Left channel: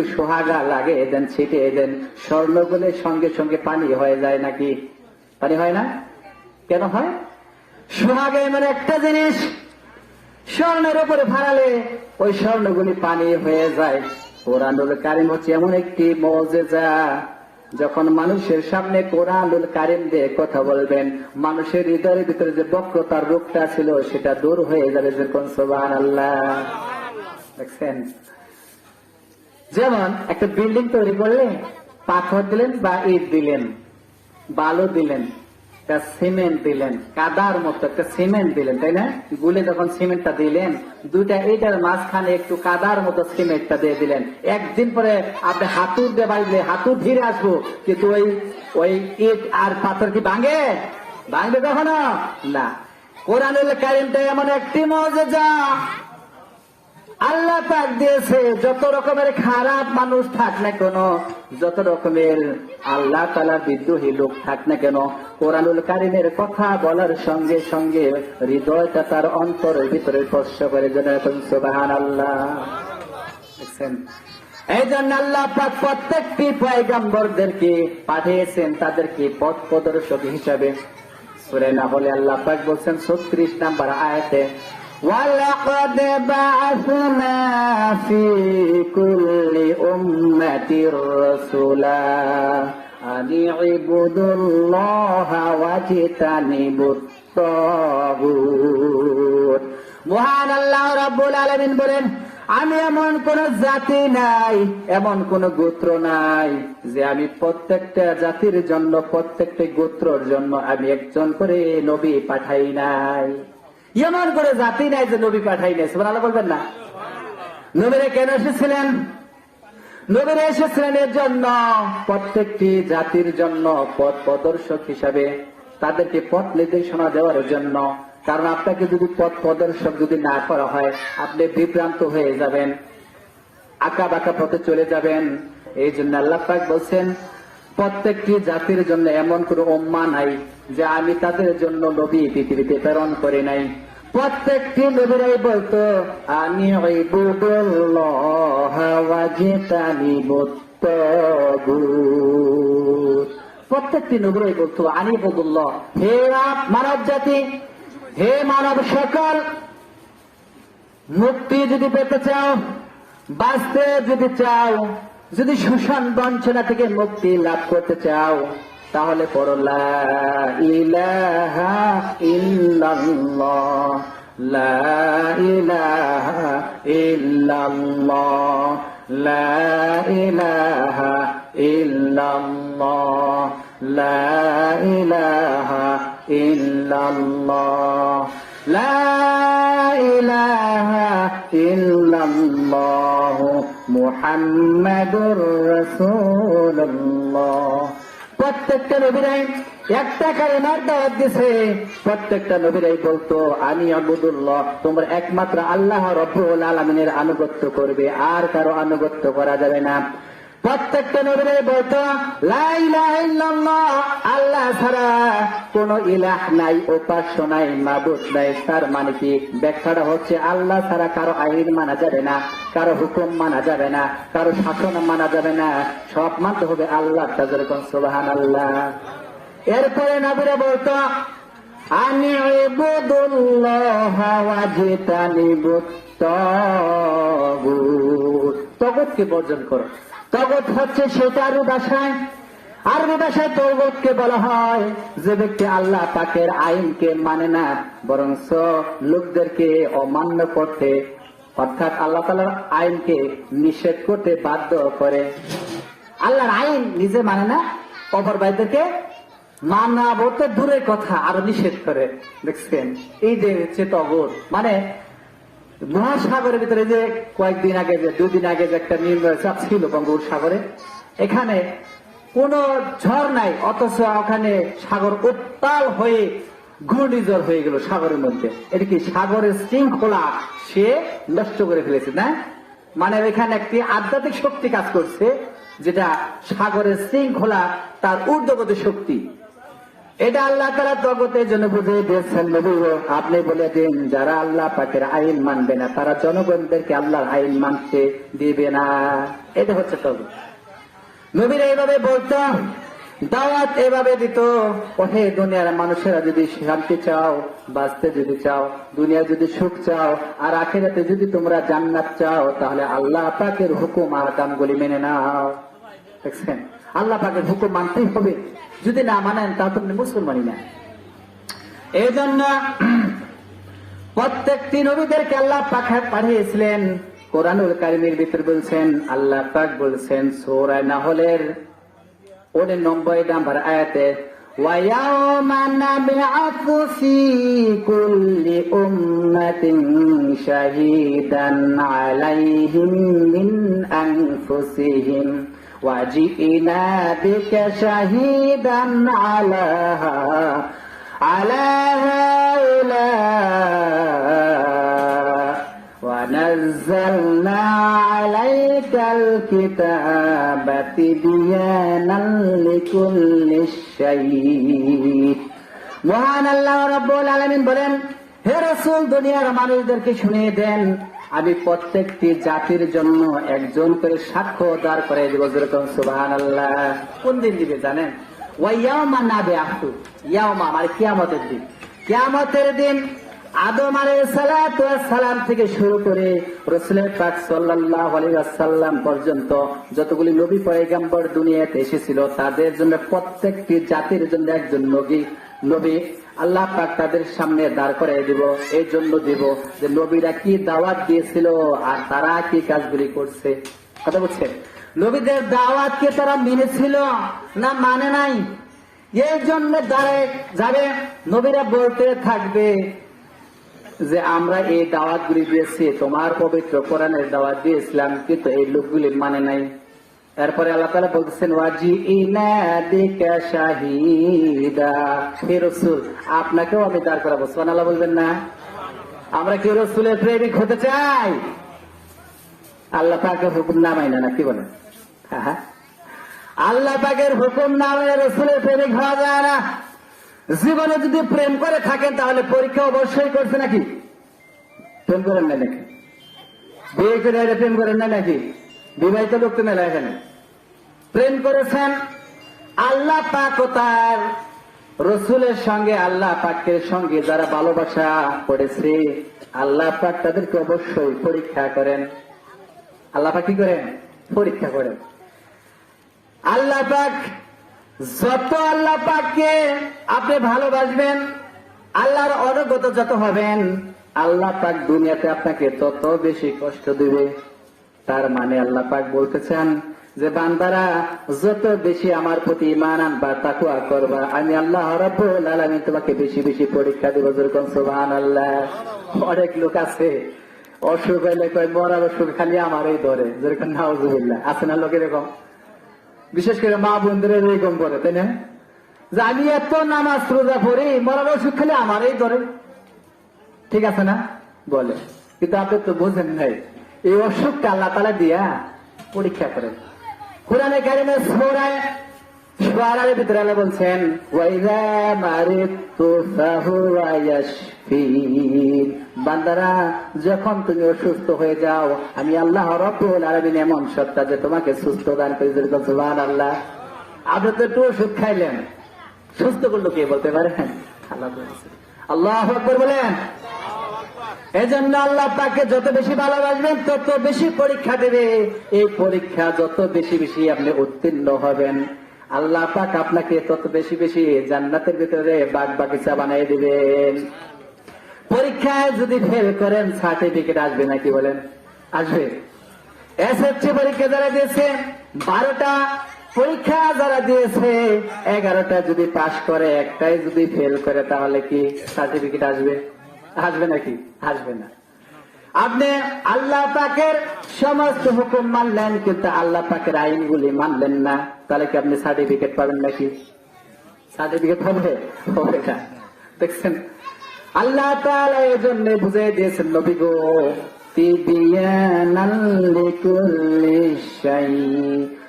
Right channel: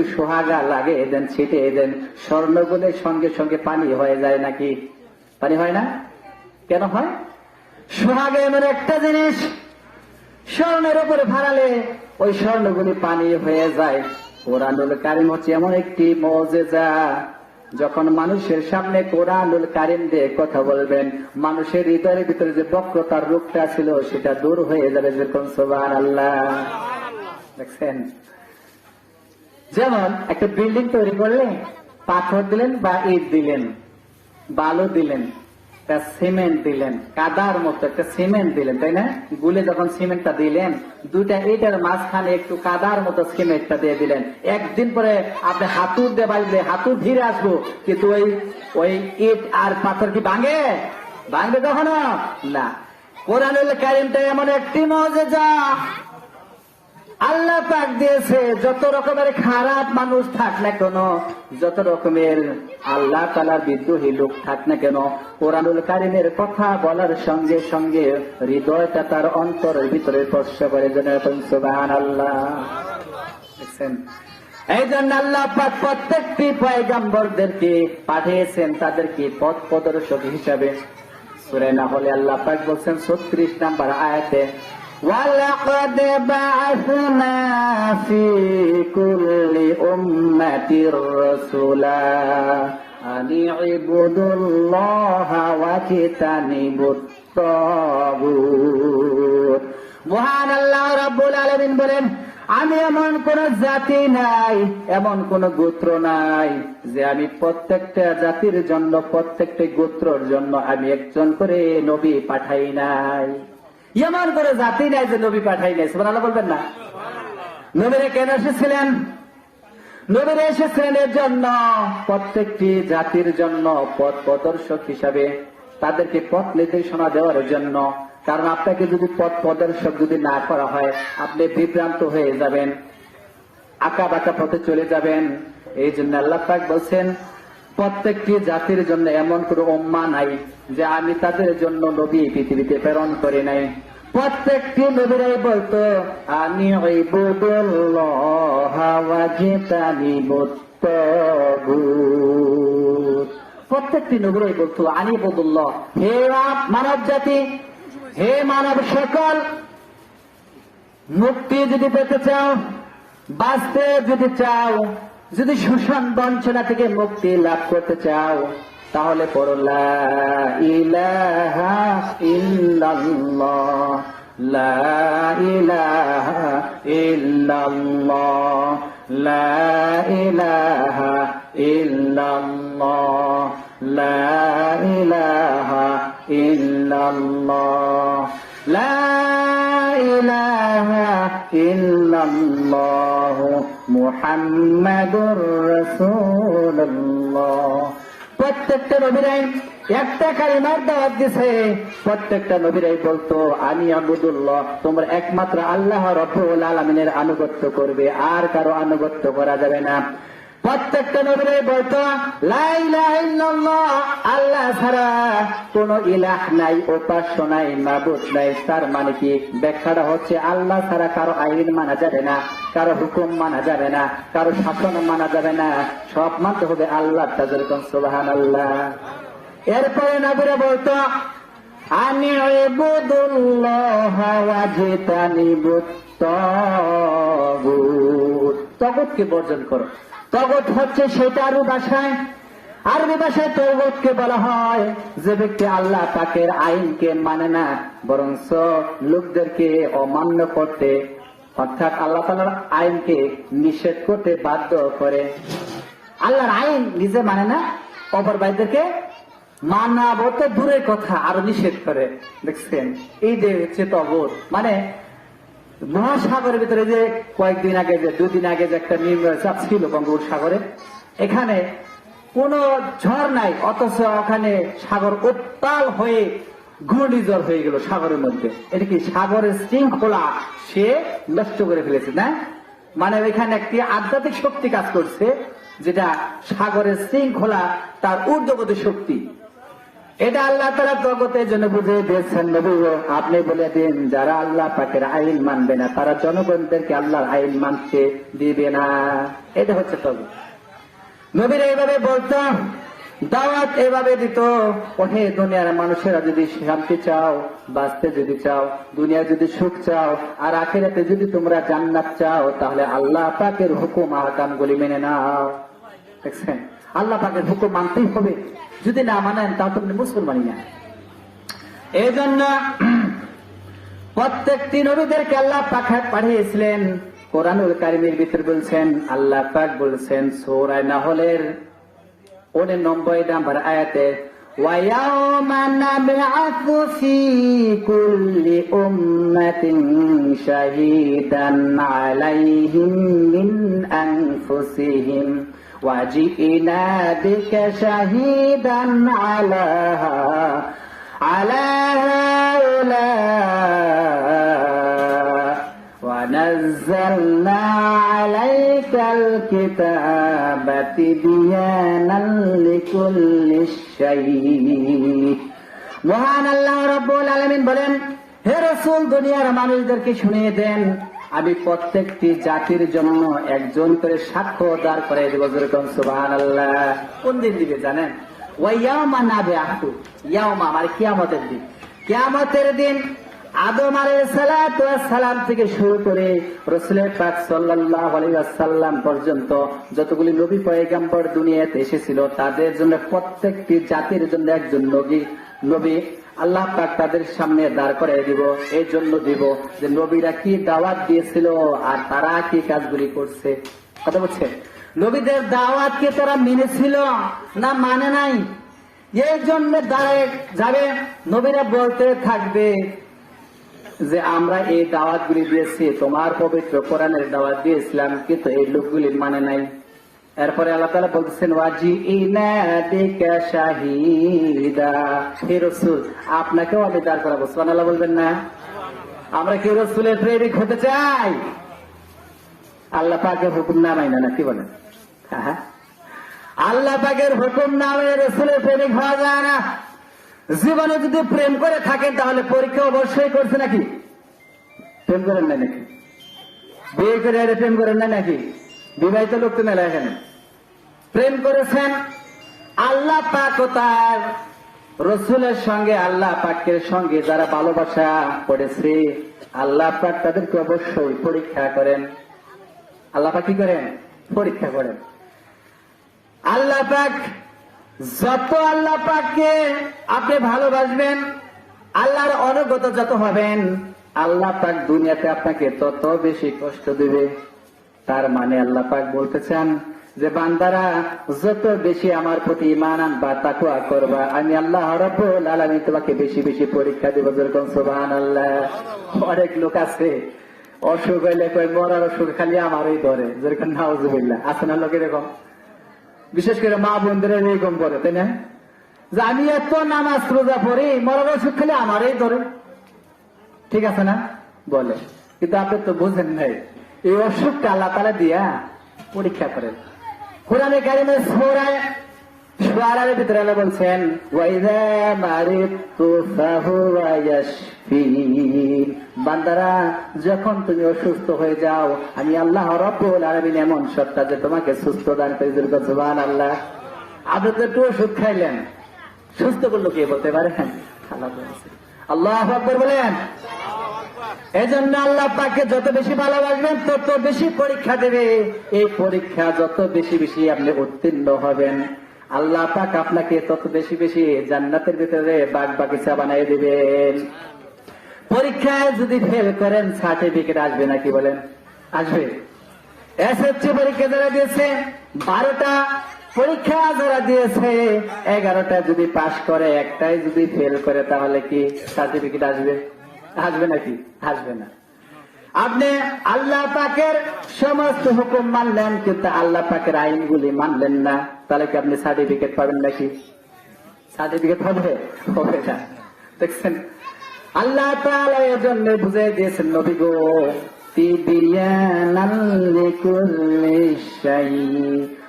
একটু সোহাগা লাগিয়ে দেন, ছিটিয়ে দেন, স্বর্ণগুলোর সঙ্গে সঙ্গে পানি হয়ে যায় নাকি? পানি হয় না? কেন হয়? সোহাগা এমন একটা জিনিস, স্বর্ণের উপরে ফেলালে ওই স্বর্ণগুলি পানি হয়ে যায়। কোরআনুল কারীম হচ্ছে এমন একটি মুজিজা, যখন মানুষের সামনে কোরআনুল কারীম দিয়ে কথা বলবেন, মানুষের হৃদয়ের ভিতরে যে বক্রতার রূপটা ছিল সেটা দূর হয়ে যাবে। যেরকম সুবহানাল্লাহ। দেখছেন, যেমন একটা বিল্ডিং তৈরি করলে পাথর দিলেন বা ইট দিলেন, বালু দিলেন, সিমেন্ট দিলেন, কাদার মতো একটা সিমেন্ট দিলেন, তাই না? গুলে যখন সিমেন্টটা দিলেন, দুইটা ইটের মাঝখানে একটু কাদার মতো সিমেন্টটা দিয়ে দিলেন। একদিন পরে আপনি হাতুড় দিয়ে বাড়লে হাতুড় ধীরে আসবো, কিন্তু ওই ইট আর পাথর কি ভাঙে? ভাঙবে কখনো না। কোরআনুল কারীমটা এমন একটি মুজিজা, আল্লাহ পাক দিয়েছে। যত রকমের খারাপ মানুষ থাক না কেন, যত রকমের আল্লাহ তাআলার বিদ্রোহী লোক থাক না কেন, কোরআনুল কারীমের কথা বলার সঙ্গে সঙ্গে হৃদয়টা তার অন্তরের ভিতরে স্পর্শ করে। যেন সুবহানাল্লাহ। দেখছেন, এই জন্য আল্লাহ পাক প্রত্যেকটি পয়গম্বরদেরকে পাঠিয়েছেন তাদেরকে পথ প্রদর্শক হিসাবে। সূরা নাহলে আল্লাহ পাক বলছেন 36 নম্বর আয়াতে, وَلَقَدْ بَعَثْنَا فِي كُلِّ أُمَّةٍ رَسُولًا أَنِ اعْبُدُوا اللَّهَ وَاجْتَنِبُوا الطَّاغُوتَ। মহান আল্লাহ রাব্বুল আলামিন বলেন, আমি এমন কোন জাতি নাই, এমন কোন গোত্র নাই যে আমি প্রত্যেকটা জাতির জন্য, প্রত্যেকটা গোত্রের জন্য আমি একজন করে নবী পাঠাই নাই। এমন কোন জাতি নাই যে নবী পাঠাই নাই। সুবহানাল্লাহ বলবেন না? নবীরা কেন এসেছিলেন? নবীরা এসেছিলেন এর জন্য, প্রত্যেকটি জাতির জন্য পথ প্রদর্শক হিসাবে, তাদেরকে পথ নির্দেশনা দেওয়ার জন্য। কারণ আপনাকে যদি পথ প্রদর্শক যদি না করা হয়, আপনি বিভ্রান্ত হয়ে যাবেন, আঁকা বাঁকা পথে চলে যাবেন। এই জন্য আল্লাহ পাক বলছেন, প্রত্যেকটি জাতির জন্য এমন কোন উম্মাহ নাই যে আমি তাদের জন্য নবী পৃথিবীতে প্রেরণ করি নাই। প্রত্যেকটি নবীরাই বলতো আনি ইবুদুল্লাহ ওয়াজতানিবুত তাগুত। প্রত্যেকটি নবীরাই বলতো আনি ইবুদুল্লাহ, হে মানব জাতি, হে মানব সকল, মুক্তি যদি পেতে চাও, বাঁচতে যদি চাও, যদি শোষণ বঞ্চনা থেকে মুক্তি লাভ করতে চাও, তাহলে পড়ো লা ইলাহা ইল্লাল্লাহ, লা ইলাহা ইল্লাল্লাহ, লা ইলাহা ইল্লাল্লাহ, লা ইলাহা ইল্লাল্লাহ, লা ইলাহা ইল্লাল্লাহ মুহাম্মাদুর রাসূলুল্লাহ। প্রত্যেকটা নবীরাই একটা কালিমার দাওয়াত দিয়েছে। প্রত্যেকটা নবীরাই বলতো আনি আবুদুল্লাহ, তোমরা একমাত্র আল্লাহ রাব্বুল আলামিনের আনুগত্য করবে, আর কারো আনুগত্য করা যাবে না। প্রত্যেকটা নবীরাই বলতো লা ইলাহা ইল্লাল্লাহ, আল্লাহ ছাড়া কোন ইলাহ নাই, উপাস্য নাই, মাবুদ নাই। তার মানে কি? ব্যাখ্যাটা হচ্ছে আল্লাহ ছাড়া কারো আইন মানা যাবে না, কারো হুকুম মানা যাবে না, কারো শাসন মানা যাবে না, সব মানতে হবে আল্লাহ। যেরকম সুবহানাল্লাহ। এরপরে নবীরা বলতো আনি ইবুদুল্লাহ ওয়াজতানিবুত তাগুত, তাগুতকে বর্জন করো। তাগুত হচ্ছে সেটা আরবি ভাষায় তাগুতকে বলা হয় যে ব্যক্তি আল্লাহ পাকের আইনকে মানে না, বরং লোকদেরকে অমান্য করতে, অর্থাৎ আল্লাহ তাআলার আইনকে নিষেধ করতে বাধ্য করে। আল্লাহর আইন নিজে মানে না, অপর ভাইদেরকে মানা বলতে দূরের কথা, আরো নিষেধ করে। দেখছেন, এই যে হচ্ছে তাগুত। মানে মহাসাগরের ভিতরে যে কয়েকদিন আগে, যে দুদিন আগে যে একটা নিম্নচাপ ছিল বঙ্গোপসাগরে, এখানে কোন ঝড় নাই, অথচ ওখানে সাগর উত্তাল হয়ে ঘূর্ণিঝড় হয়ে গেল সাগরের মধ্যে। এটা কি সাগরের শৃঙ্খলা সে নষ্ট করে ফেলেছে না? মানে এখানে একটি আধ্যাত্মিক শক্তি কাজ করছে, যেটা সাগরের শৃঙ্খলা তার ঊর্ধ্বগতি শক্তি। এটা আল্লাহ তাআলা জগতের জন্য বুঝিয়ে দিয়েছেন। নবী আপনি বলে দিন, যারা আল্লাহ পাকের আইন মানবে না তারা জনগণদেরকে আল্লাহর আইন মানতে দিবে না। এটা হচ্ছে তবে নবীরা এইভাবে বলতাম, দাওয়াত এভাবে দিত, ওহে দুনিয়ার মানুষেরা যদি শান্তি চাও, বাঁচতে যদি চাও, দুনিয়া যদি সুখ চাও, আর আখিরাতে যদি তোমরা জান্নাত চাও, তাহলে আল্লাহ পাকের হুকুম আর কামগুলি মেনে নাও। দেখছেন, আল্লাহ পাকের হুকুম মানতেই হবে, যদি না মানেন তা তুমি মুসলমানই না। এই জন্য প্রত্যেকটি নবীদেরকে আল্লাহ পাক পাঠিয়েছিলেন। কোরআনুল কারীমের ভিতর বলছেন, আল্লাহ পাক বলছেন সূরা নাহলের 99 নম্বর আয়াতে, ওয়ায়াউমা নাবআসু ফী কুল্লি উম্মাতিন শাহীদান আলাইহিম মিন আনফুসিহিম ওয়াজি'না বিকা শাহীদান আলা হাউলা ونزلنا عليك الكتاب تبيانا لكل شيء। মহান আল্লাহ রাব্বুল আলামিন বলেন, হে রাসূল দুনিয়ার মানুষদেরকে শুনিয়ে দেন, আমি প্রত্যেকটি জাতির জন্য একজন করে সাক্ষ্য দাঁড় করে দেব। যেরকম সুবহানাল্লাহ। কোন দিন দিবে জানেন? ওয়ায়াউমা নাবআসু, ইয়াউমা মানে কিয়ামতের দিন। কিয়ামতের দিন আদম আলাইহিস সালাতু ওয়াস সালাম থেকে শুরু করে রাসূল পাক সাল্লাল্লাহু আলাইহি ওয়াসাল্লাম পর্যন্ত যতগুলি নবী পয়গম্বর দুনিয়াতে এসেছিল, তাদের জন্য প্রত্যেকটি জাতির জন্য একজন নবী আল্লাহ পাক তাদের সামনে দাঁড় করিয়ে দিব। এই জন্য দিব যে নবীরা কি দাওয়াত দিয়েছিল আর তারা কি কাজগুলি করছে। কথা বলছে, নবীদের দাওয়াত কি তারা মেনেছিল না মানে নাই, এই জন্য দাঁড়ায় যাবে। নবীরা বলতে থাকবে যে আমরা এই দাওয়াত গুলি দিয়েছি, তোমার পবিত্র কোরআনের দাওয়াত দিয়েছিলাম, কিন্তু এই লোকগুলি মানে নাই। এরপরে আল্লাহ তাআলা বলছেন, ওয়াজি'না বিকা শাহীদা, হে রাসূল আপনাকেও আমি দাঁড় করাবো। সুবহানাল্লাহ বলবেন না? আমরা কি রাসূলের প্রেমিক হতে চাই? আল্লাহ পাকের হুকুম না মাইনা না, কি বলেন? আল্লাহ পাকের হুকুম না মাইনা রাসূলের প্রেমিক হওয়া যায় না। জীবনে যদি প্রেম করে থাকেন তাহলে পরীক্ষা অবশ্যই করছে নাকি? প্রেম করেন না নাকি? বিয়ে করে প্রেম করেন না নাকি? বিবাহিত লোক তো মেলা এখানে প্রেম করেছেন। আল্লাহ পাক ও তার রসুলের সঙ্গে আল্লাহ পাকের সঙ্গে যারা ভালোবাসা করেছে, আল্লাহ পাক তাদেরকে অবশ্যই পরীক্ষা করেন। আল্লাহ পাক কি করেন? পরীক্ষা করেন। আল্লাহ পাক যত আল্লাহ পাককে আপনি ভালোবাসবেন, আল্লাহর অনুগত যত হবেন, আল্লাহ পাক দুনিয়াতে আপনাকে তত বেশি কষ্ট দিবে। তার মানে আল্লাহ পাক বলতেছেন যে বান্দারা যত বেশি আমার প্রতি ঈমান আনবা, তাকওয়া করবা, আমি আল্লাহ রাব্বুল আলামিন তোমাকে বেশি বেশি পরীক্ষা দেব। যেরকম সুবহানাল্লাহ। অনেক লোক আছে অসুখ হইলে কয় মরার অসুখ খালি আমারই ধরে, যেরকম নাউজুবিল্লাহ। আছে না লোক এরকম? বিশেষ করে মা বোনদের এরকম করে, তাই না? যে আমি এত নামাজ রোজা পড়ি, মরার অসুখ খালি আমারই ধরে। ঠিক আছে না? বলে, কিন্তু আপনি তো বুঝেন নাই এই অসুখটা আল্লাহ তাআলা দিয়া পরীক্ষা করেন। কোরআনে কারীমের সূরা শুআরার ভিতরে আল্লাহ বলছেন, ওয়াইযা মারিতু ফাহুয়া ইয়াশফিন, বান্দারা যখন তুমি অসুস্থ হয়ে যাও, আমি আল্লাহ রাব্বুল আলামিন এমন সত্তা যে তোমাকে সুস্থ দান করে। সুবহানাল্লাহ। আপনি তো একটু ওষুধ খাইলেন, সুস্থ করলো কে বলতে পারেন? আল্লাহু আকবার বলেন। এজন্য আল্লাহ পাককে যত বেশি ভালোবাসবেন তত বেশি পরীক্ষা দেবে। এই পরীক্ষা যত বেশি বেশি আপনি উত্তীর্ণ হবেন, আল্লাহ পাক আপনাকে তত বেশি বেশি জান্নাতের ভিতরে বাগ বাগিচা বানিয়ে দিবেন। পরীক্ষায় যদি ফেল করেন সার্টিফিকেট আসবে নাকি বলেন? আসবে। এসএসসি পরীক্ষা যারা দিয়েছে 12টা পরীক্ষা যারা দিয়েছে, 11টা যদি পাশ করে, একটাই যদি ফেল করে, তাহলে কি সার্টিফিকেট আসবে? আসবে নাকি? আসবে না। আপনি আল্লাহ পাকের সমস্ত হুকুম মানলেন, কিন্তু আল্লাহ পাকের আইনগুলি মানলেন না, তাহলে কি আপনি সার্টিফিকেট পাবেন নাকি? সার্টিফিকেট পাবে? হবে না। দেখছেন, আল্লাহ তাআলা এর জন্য বুঝিয়ে দিয়েছেন, নবী গো তিবিয়ানান লিকুল্লি শাই,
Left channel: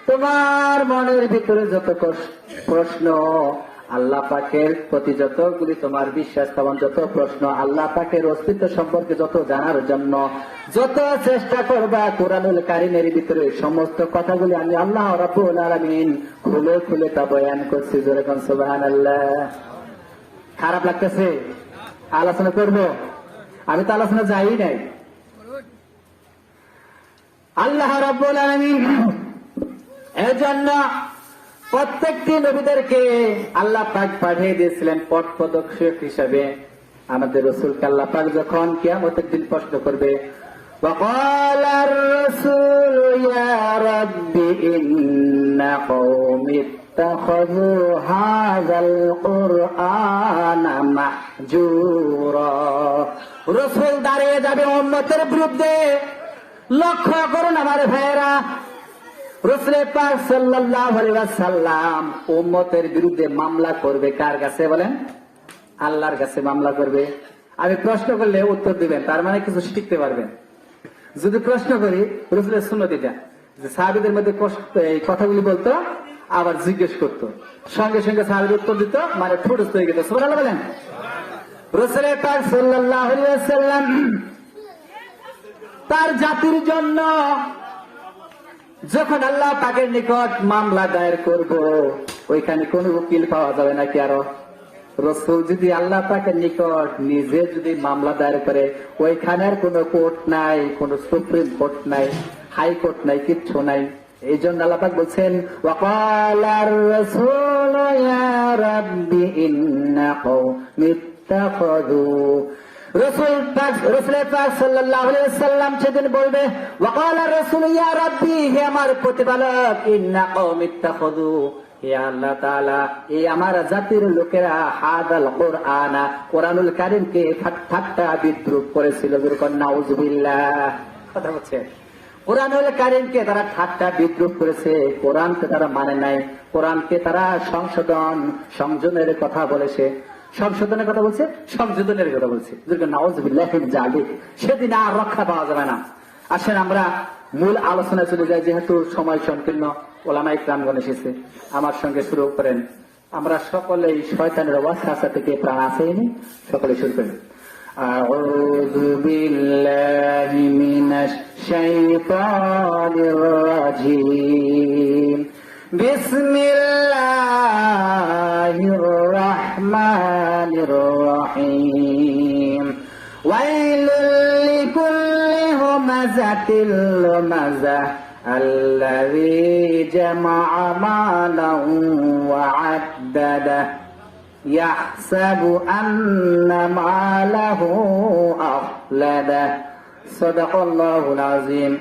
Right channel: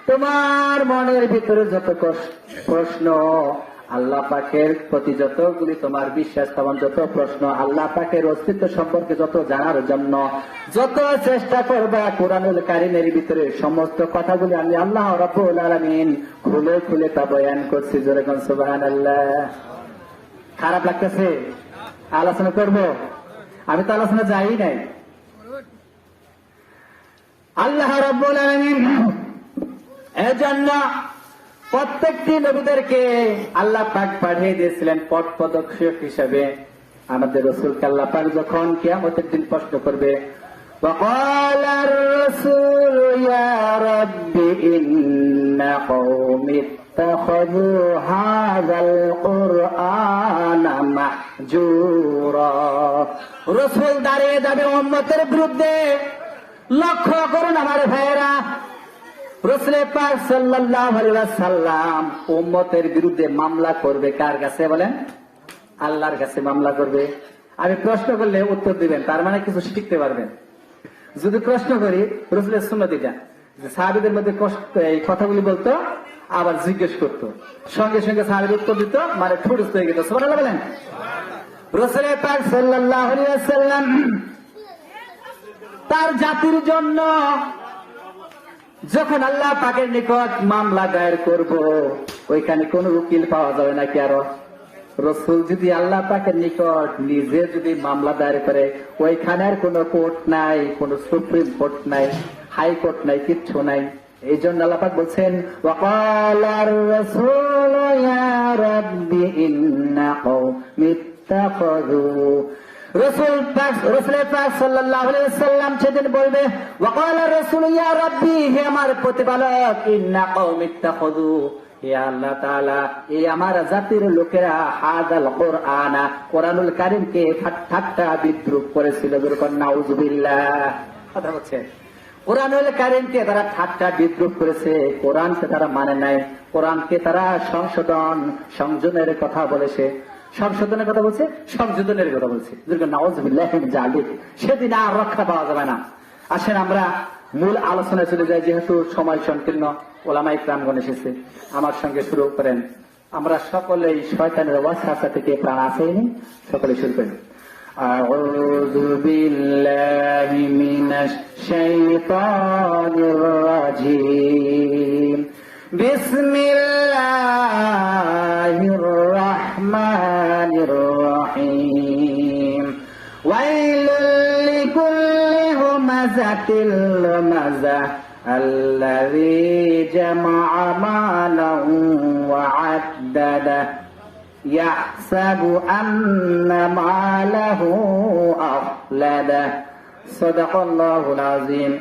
তোমার মনের ভিতরে যত প্রশ্ন, আল্লাহ পাকের প্রতি যতগুলি তোমার বিশ্বাস, তেমন যত প্রশ্ন, আল্লাহ পাকের অস্তিত্ব সম্পর্কে যত জানার জন্য যত চেষ্টা করবা, কোরআনুল কারীমের ভিতরে সমস্ত কথাগুলি আমি আল্লাহ রাব্বুল আলামিন খুলে খুলে তা বয়ান করছি। জোরে কোন সুবহানাল্লাহ। খারাপ লাগতেছে? আলোচনা করব? আমি তো আলোচনা যাই নাই। আল্লাহ রাব্বুল আলামিন এর জন্য প্রত্যেকটি নবীদেরকে আল্লাহ পাক পাঠিয়ে দিয়েছিলেন পথ প্রদর্শক হিসেবে। আমাদের রাসূলকে আল্লাহ পাক যখন কিয়ামতের দিন প্রশ্ন করবে, وقال الرسول يا رب إن قومي اتخذوا هذا القرآن مهجورا। রাসূল দাঁড়িয়ে যাবে উম্মতের বিরুদ্ধে। লক্ষ্য করুন আমার ভাইয়েরা, রাসূল পাক সাল্লাল্লাহু আলাইহি ওয়াসাল্লাম উম্মতের বিরুদ্ধে মামলা করবে কার কাছে বলেন? আল্লাহর কাছে মামলা করবে। আমি প্রশ্ন করলে উত্তর দিবেন, তার মানে কিছু শিখতে পারবেন। যদি প্রশ্ন করি রাসূলের সুন্নাত এটা যে সাহাবীদের মধ্যে এই কথাগুলি বলতো, আবার জিজ্ঞেস করতো, সঙ্গে সঙ্গে সাহাবীর উত্তর দিত, মানে ঠুটস্থ হয়ে গেল। সুবহানাল্লাহ বলেন। রাসূল পাক সাল্লাল্লাহু আলাইহি ওয়াসাল্লাম তার জাতির জন্য যখন আল্লাহ পাকের নিকট মামলা দায়ের করবে, ওইখানে কোন উকিল পাওয়া যাবে নাকি? আরো রাসূল যদি আল্লাহ পাকের নিকট নিজে যদি মামলা দায়ের করে, ওইখানে আর কোন কোর্ট নাই, কোন সুপ্রিম কোর্ট নাই, হাই কোর্ট নাই, কিচ্ছু নাই। এই জন্য আল্লাহ পাক বলছেন, ওয়াকালার রাসূল ইয়া রাব্বি ইন্না কওমি ইত্তাখাযু। রাসূল পাক সাল্লাল্লাহু আলাইহি ওয়াসাল্লাম সেদিন বলবে, ওয়াকালার রাসূল ইয়া রাব্বি, হে আমার প্রতিপালক, ইন্না কওমি ইত্তাখাযু, হে আল্লাহ তাআলা, এই আমার জাতির লোকেরা হাযাল কুরআনা, কোরআনুল কারীমকে ঠাট্টা বিদ্রূপ করেছিল। যেরকম নাউযুবিল্লাহ। কথা হচ্ছে কোরআনুল কারীমকে তারা ঠাট্টা বিদ্রূপ করেছে, কোরআনকে তারা মানে নাই, কোরআনকে তারা সংযোজনের কথা বলেছে, সংশোধনের কথা বলছে, সংযোজনের কথা বলছে। যেরকম নাউযুবিল্লাহ মিন যালিক। সেদিন আর রক্ষা পাওয়া যাবে না। আসেন আমরা মূল আলোচনায় চলে যাই, যেহেতু সময় সংকীর্ণ, ওলামায়ে কিরামগণ এসেছে। আমার সঙ্গে শুরু করেন। আমরা সকলেই শয়তানের ওয়াসওয়াসা থেকে প্রাণ বাঁচাইনি, সকলে শুরু করেন। আউযু বিল্লাহি মিনাশ শাইতানির রাজীম। বিসমিল্লাহির রাহমানির রাহিম। ওয়াইলুল লিকুল্লি হুমাযাতিল লুমাযাহ الذي جمع مالا وعدده يحسب أن ماله أخلده صدق الله العظيم।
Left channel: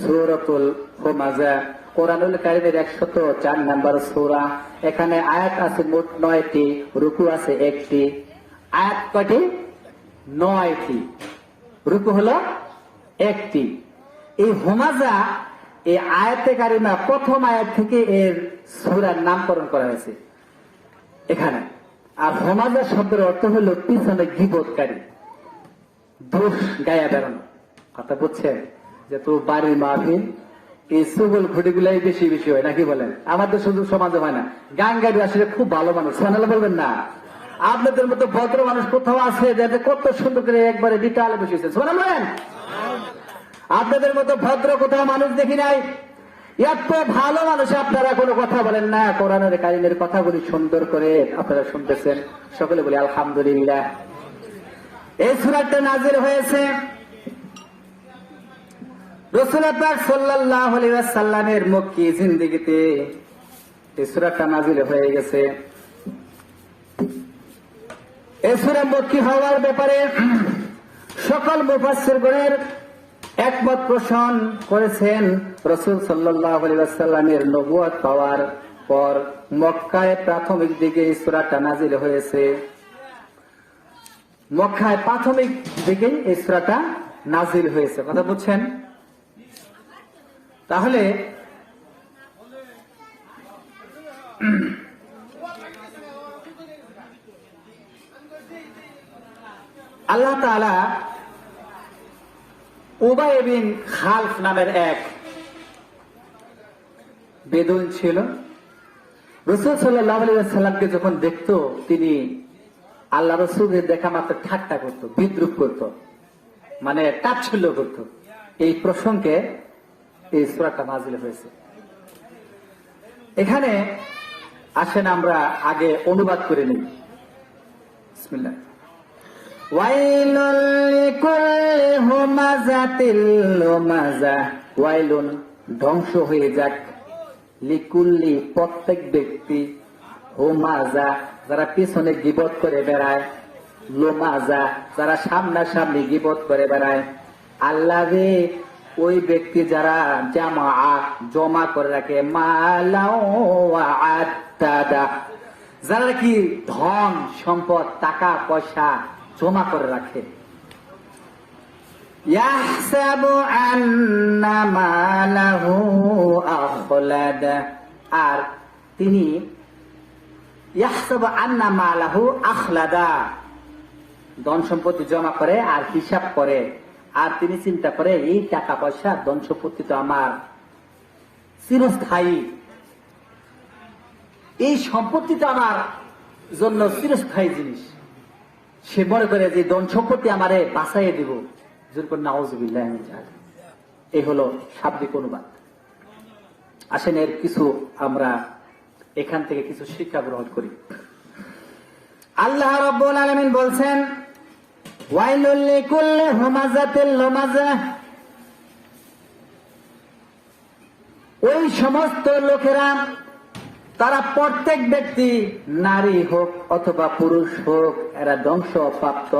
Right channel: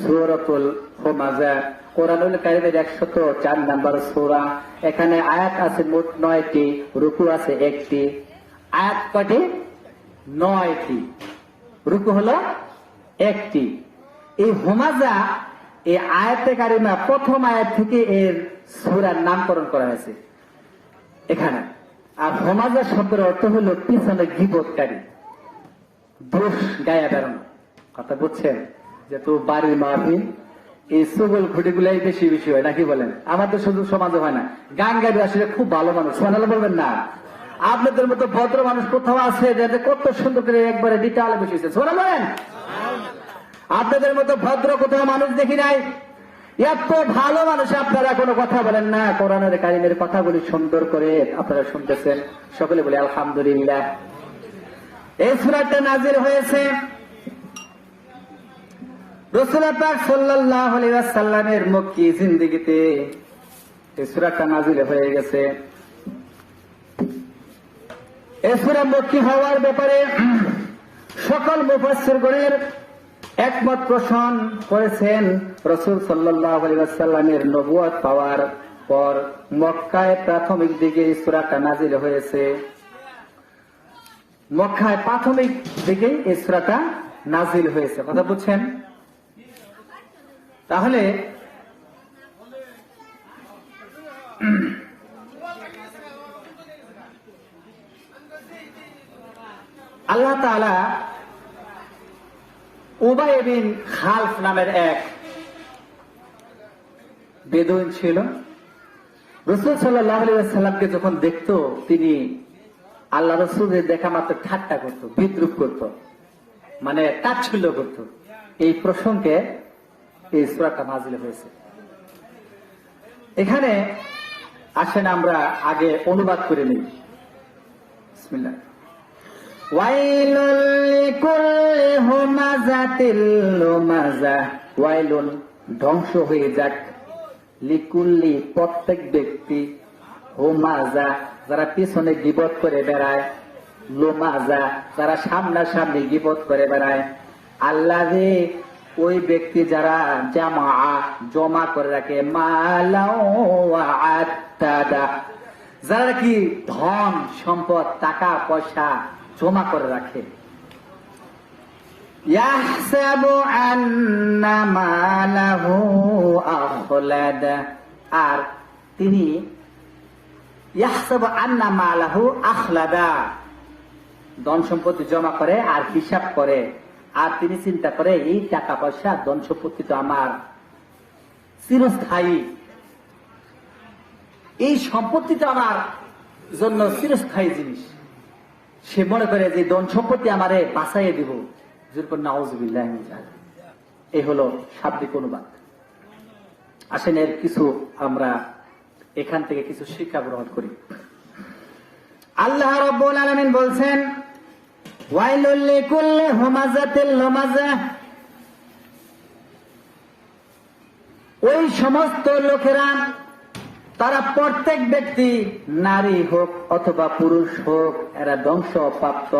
সূরাতুল হুমাযা কোরআনুল কারীমের 104 নম্বর সূরা। এখানে আয়াত আছে মোট 9টি, রুকু আছে 1টি। আয়াত কয়টি? 9টি। রুকু হলো 1টি। এই হুমাযা, এই আয়াতে কারিমা প্রথম আয়াত থেকে এর সূরার নামকরণ করা হয়েছে এখানে। আর হুমাযা শব্দের অর্থ হলো পিছনে গীবতকারী, দোষ গায়া বেড়ানো। কথা বুঝছেন? যে তো বাড়ির মাহফিল, এই সুগল ঘুটিগুলাই বেশি বেশি হয় নাকি বলেন? আমাদের শুধু সমাজে হয় না, গাঙ্গারি আসলে খুব ভালো মানুষ, জানালে বলবেন না? আপনাদের মতো ভদ্র মানুষ কোথাও আছে যে কত সুন্দর করে একবারে ডিটালে বসেছে, শোনা বলেন? আপনাদের মতো ভদ্র কোথাও মানুষ দেখি নাই। এত ভালো মানুষ আপনারা কোনো কথা বলেন না। কোরআনের কারীমের কথাগুলি সুন্দর করে আপনারা শুনতেছেন। সকলে বলে আলহামদুলিল্লাহ। এই সূরাটা নাযিল হয়েছে রাসূল পাক সাল্লাল্লাহু আলাইহি ওয়াসাল্লামের মক্কি জিন্দেগিতে। এই সূরাটা নাযিল হয়ে গেছে। এই সূরা মক্কি হওয়ার ব্যাপারে সকল মুফাসসিরগণের একমত পোষণ করেছেন। রাসূল সাল্লাল্লাহু আলাইহি ওয়াসাল্লামের নবুয়ত পাওয়ার পর মক্কায় প্রাথমিক দিকে এই সূরাটা নাযিল হয়েছে। মক্কায় প্রাথমিক দিকে এই সূরাটা নাযিল হয়েছে। কথা বুঝছেন? তাহলে আল্লাহ তাআলা উবাই বিন খালফ নামের এক বেদুইন ছিল। রাসূল সাল্লাল্লাহু আলাইহি ওয়াসাল্লামকে যখন দেখতো তিনি আল্লাহ রাসূলের দেখা মাত্র ঠাট্টা করতো, বিদ্রুপ করতো, মানে তাচ্ছিল্য করতো। এই প্রসঙ্গে এই সূরাটা নাযিল হয়েছে। এখানে আসেন আমরা আগে অনুবাদ করে নিই। বিসমিল্লাহ। ওয়াইলুল লিকুল্লি হুমাযাতিল লুমাযা, ওয়াইলুন ধ্বংস হয়ে যাক, লিকুল্লি প্রত্যেক ব্যক্তি, হুমাযা যারা পিছনে গীবত করে বেড়ায়, লুমাযা যারা সামনাসামনি গীবত করে বেড়ায়, আল্লাহে ওই ব্যক্তি যারা জমা করে রাখে, মালাও ওয়া আত্তাদা যারা কি ধন সম্পদ টাকা পয়সা জমা করে রাখে, ইয়াহসাবু আন্না মালাহু আখলাদা, আর তিনি ইয়াহসাবু আন্না মালাহু আখলাদা ধন সম্পত্তি জমা করে আর হিসাব করে, আর তিনি চিন্তা করে এই টাকা পয়সা ধন সম্পত্তি তো আমার চিরস্থায়ী, এই সম্পত্তি তো আমার জন্য চিরস্থায়ী জিনিস। সে মনে করে যে ধন সম্পত্তি আমারে বাঁচাইয়ে দিব। যেরকম নাউজুবিল্লাহ। এই হলো শাব্দিক অনুবাদ। আসেন এর কিছু আমরা এখান থেকে কিছু শিক্ষা গ্রহণ করি। আল্লাহ রাব্বুল আলামিন বলছেন, ওয়াইলুল লিকুল্লি হুমাযাতিল লুমাযা, ওই সমস্ত লোকেরা তারা প্রত্যেক ব্যক্তি, নারী হোক অথবা পুরুষ হোক, এরা ধ্বংসপ্রাপ্ত,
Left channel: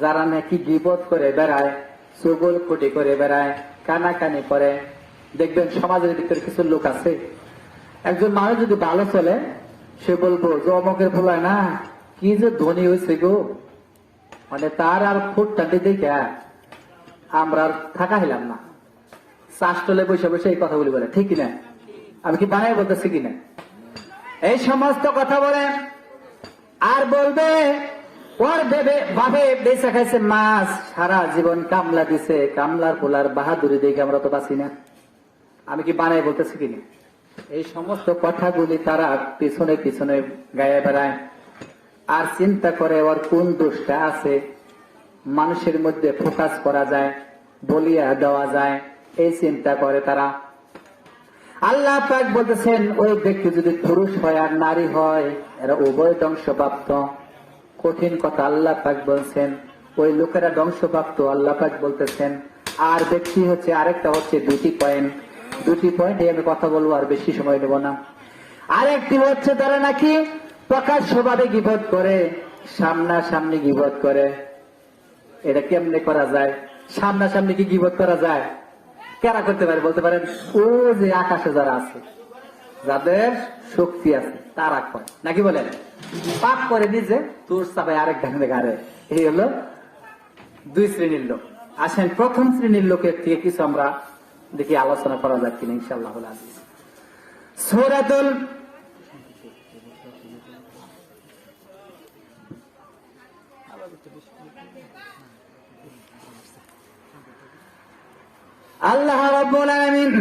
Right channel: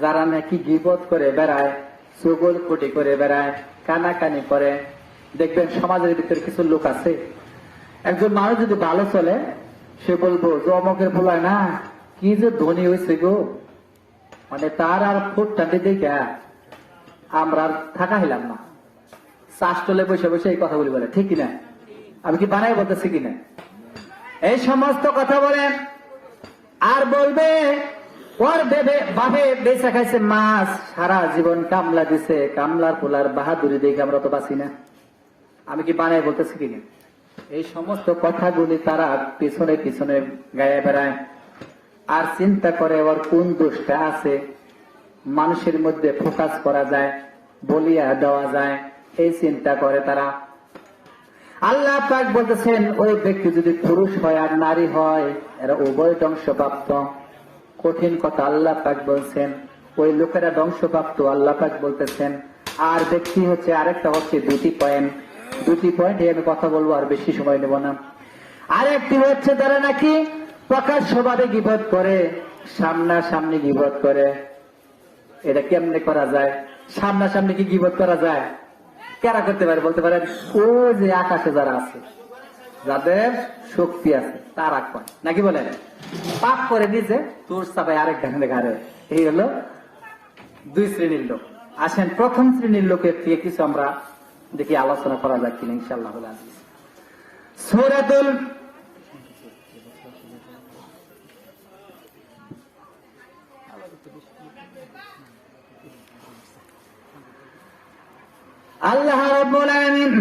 যারা নাকি বিপদ করে বেড়ায়, চগলকুটি করে বেড়ায়, কানাকানি করে। দেখবেন সমাজের ভিতরে কিছু লোক আছে, একজন মানুষ যদি ভালো চলে সে বলবো যে অমকের পোলা না কি যে ধনী হয়েছে গো, মানে তার আর ফুটটা দেখে আমরা থাকা হইলাম না, চাষটলে বসে বসে এই কথাগুলি বলে, ঠিক কিনা? আমি কি বানাই বলতেছি কিনা? এই সমস্ত কথা বলে আর বলবে ওর ভাবে বেচা খাইছে মাছ, সারা জীবন কামলা দিছে, কামলার পোলার বাহাদুরি দেখে আমরা তো বাঁচি না। আমি কি বানাই বলতেছি কিনা? এই সমস্ত কথাগুলি তারা পিছনে পিছনে গায়ে বেড়ায় আর চিন্তা করে ওর কোন দোষটা আছে, মানুষের মধ্যে ফোকাস করা যায়, বলিয়া দেওয়া যায়, এই চিন্তা করে তারা। আল্লাহ পাক বলতেছেন ওই ব্যক্তি যদি পুরুষ হয় আর নারী হয়, এরা উভয় ধ্বংসপ্রাপ্ত। কঠিন কথা আল্লাহ পাক বলছেন, ওই লোকেরা ধ্বংসপ্রাপ্ত আল্লাহ পাক বলতেছেন। আর ব্যক্তি হচ্ছে আরেকটা হচ্ছে দুটি পয়েন্ট আমি কথা বলবো, আর বেশি সময় নেব না। আরেকটি হচ্ছে তারা নাকি প্রকাশ্যভাবে গীবত করে, সামনাসামনি গীবত করে। এটা কেমনে করা যায়? সামনাসামনি কি গীবত করা যায়? কেরা করতে পারে বলতে পারেন? ও যে আকাশে যারা আছে, যাদের শক্তি আছে তারা করে, নাকি বলেন? পাপ করে নিজে তোর চাপায় আরেক ঢাঙ্গে গাড়ে। এই হলো দুই শ্রেণীর লোক। আসেন প্রথম শ্রেণীর লোকের থেকে কিছু আমরা দেখি আলোচনা করা যাক কিনা ইনশাআল্লাহ। সূরাতুল আল্লাহ রাব্বুল আলামিন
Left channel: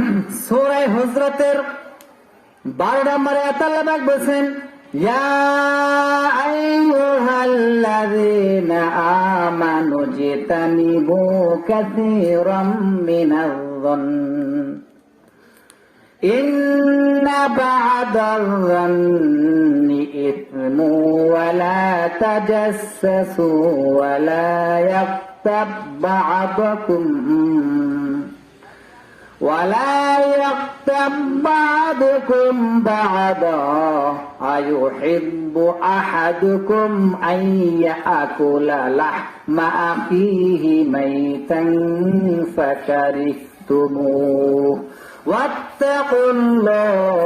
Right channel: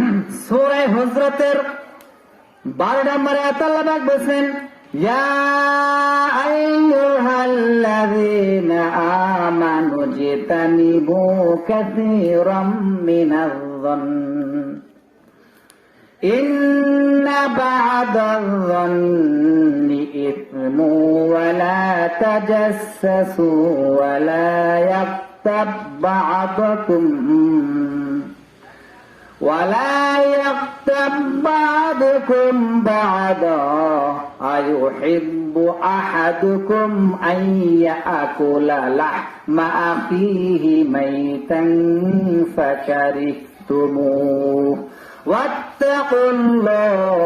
সূরা হুজরাতের 12 নম্বর আয়াত আল্লাহ পাক বলেন, ইয়া আইয়ুহাল্লাযীনা আমানু জিতানিবু কাসীরাম মিনায-যন্ন ইন্না বা'দায-যন্নি ইসমুন ওয়া লা তাজাসসু ওয়া লা ইয়াগতাব বা'দুকুম ولا يغتب بعضكم بعضا أيحب أحدكم أن يأكل لحم أخيه ميتا فكرهتموه واتقوا الله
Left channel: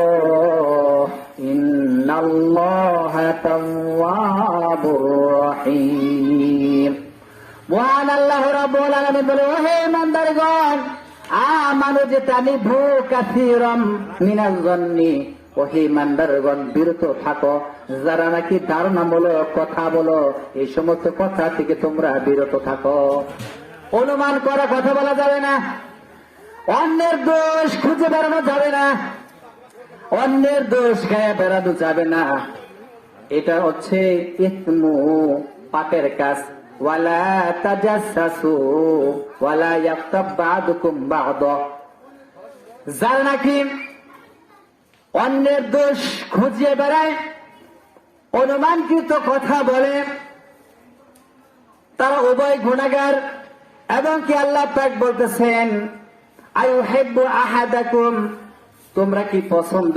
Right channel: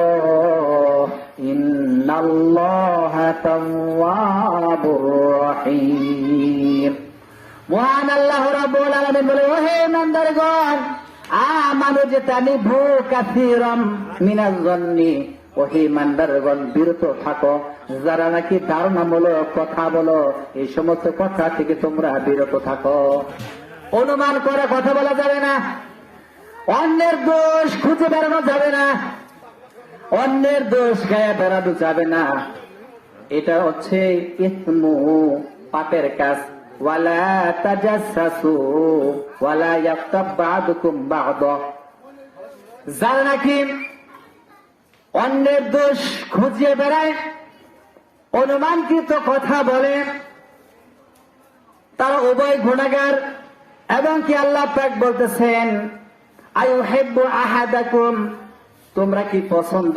إن الله تواب رحيم। মহান আল্লাহ রাব্বুল আলামিন বলে, ওহে ইমানদারগণ, আমানু জিতানিবু কাসীরাম মিনায-যন্নি, ওহে ইমানদারগণ বিরত থাকো, যারা নাকি ধারণামূলক কথা বলো, এই সমস্ত কথা থেকে তোমরা বিরত থাকো। অনুমান করা কথা বলা যাবে না, অন্যের দোষ খুঁজে বেড়ানো যাবে না, অন্যের দোষ গায়ে বেড়ানো যাবে না, এটা হচ্ছে ইসমু, পাপের কাজ। ওয়ালা তাজাসসু ওয়ালা ইয়াগতাব বা'দুকুম বা'দা, যারা নাকি অন্যের দোষ খুঁজিয়ে বেড়ায়, অনুমানকৃত কথা বলে, তারা উভয় গুনাহগার। এবং কি আল্লাহ পাক বলতেছেন, আইয়ুহিব্বু আহাদাকুম, তোমরা কি পছন্দ